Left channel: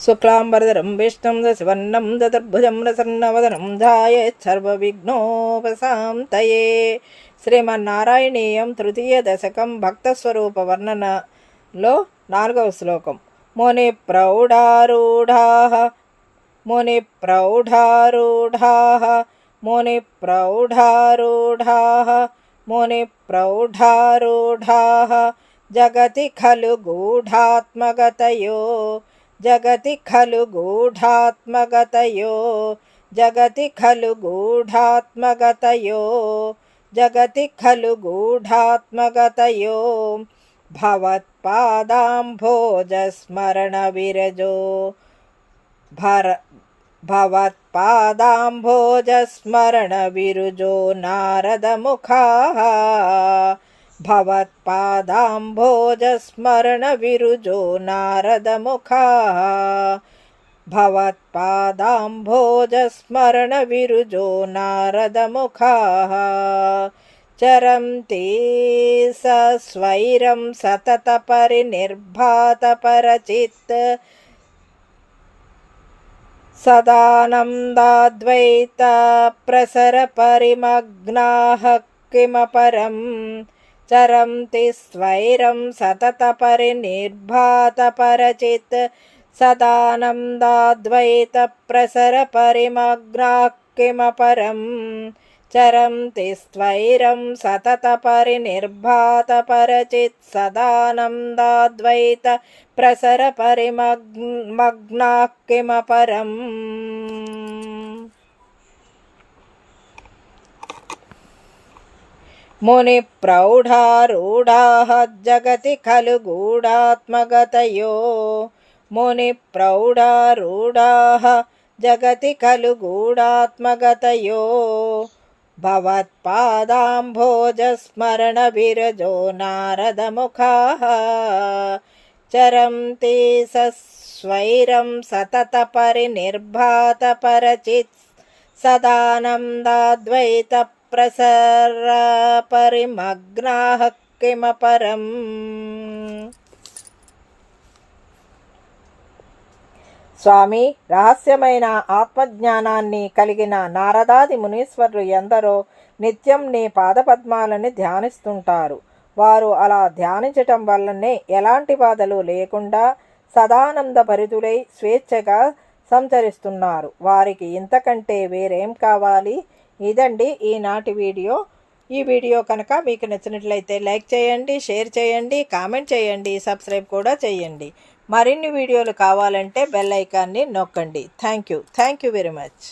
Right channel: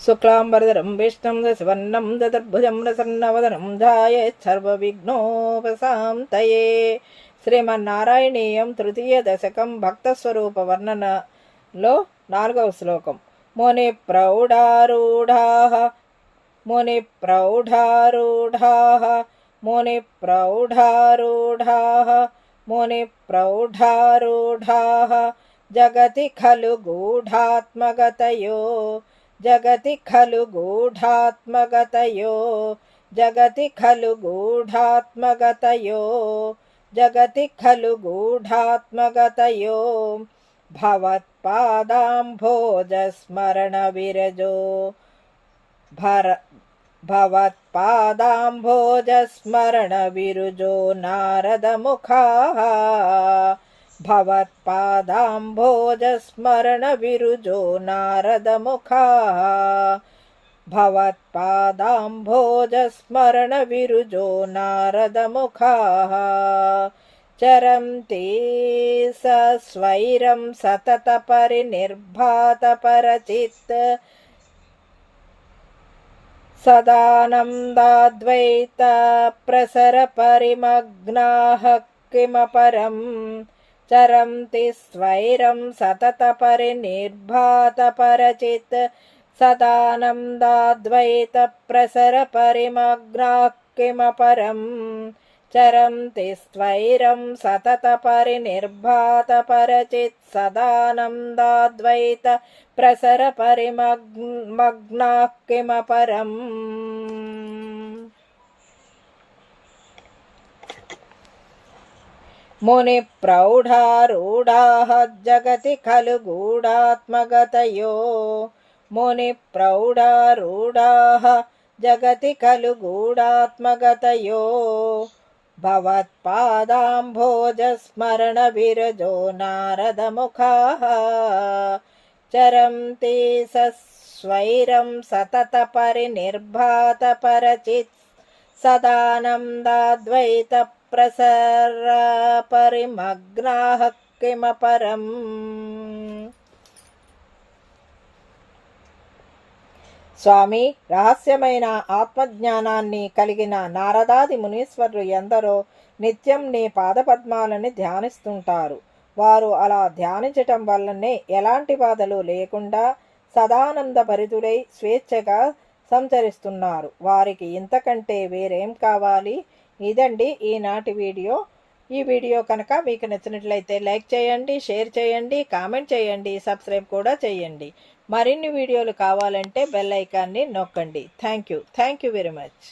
शुक्लांबरधरं विष्णुं दशवर्णं चतुर्भुजं प्रसन्नवदनं ध्यायेत् सर्वविघ्नोपशान्तये। శ్రీమన్నారాయణీయం తృతీయ దశకం భక్త స్వరూప వర్ణనలో 4వ శ్లోకం. ముని ప్రౌఢారూఢాః ముని ప్రౌఢారూఢాః ముని ప్రౌఢారూఢాః ముని ప్రౌఢారూఢాః జగతి ఖలు గూఢాత్మగతయో జగతి ఖలు గూఢాత్మగతయో జగతి ఖలు గూఢాత్మగతయో జగతి ఖలు గూఢాత్మగతయో భవత్పాదాంభోజస్మరణ విరజో భవత్పాదాంభోజస్మరణ విరుజో నారదముఖాః భవత్పాదాంభోజస్మరణ విరుజో నారదముఖాః భవత్పాదాంభోజస్మరణ విరుజో నారదముఖాః చరంతి సస్వైరం సతత పరినిర్భాత పరచిత్ సదానందాద్వైత ప్రసర పరిమగ్నాః కిమపరం చరంతి స్వైరం సతత పరినిర్భాత పరచిత్ సదానందాద్వైత ప్రసర పరిమగ్నాః కిమపరం చరంతి స్వైరం సతత పరినిర్భాత పరచిత్ సదానందాద్వైత ప్రసర పరిమగ్నాః కిమపరం. ముని ప్రౌఢారూఢాః జగతి ఖలు గూఢాత్మగతయో ముని ప్రౌఢారూఢాః జగతి ఖలు గూఢాత్మగతయో భవత్పాదాంభోజస్మరణ విరజో నారదముఖాః చరంతి సస్వైరం సతత పరినిర్భాత పరచిత్ సదానందాద్వైత ప్రసర పరిమగ్నాః కిమపరం. స్వామి, రహస్యమైన ఆత్మజ్ఞానాన్ని కలిగిన నారదాది మునీశ్వరులు ఎందరో నిత్యం నీ పాదపద్మాలని ధ్యానిస్తుంటారు. వారు అలా ధ్యానించటం వల్లనే ఎలాంటి బాధలు లేకుండా సదానంద భరితులై స్వేచ్ఛగా సంచరిస్తున్నారు. వారికి ఇంతకంటే వేరేం కావాలి? ఇదండి ఈనాటి వీడియో. ఈ వీడియో కనుక మీకు నచ్చినట్లయితే లైక్ చేయండి, షేర్ చేయండి, కామెంట్ చేయండి, సబ్స్క్రైబ్ కూడా చేయండి. మరిన్ని వీడియోలు కావాలంటే బెల్ ఐకాన్ని నొక్కండి. Thank you very much.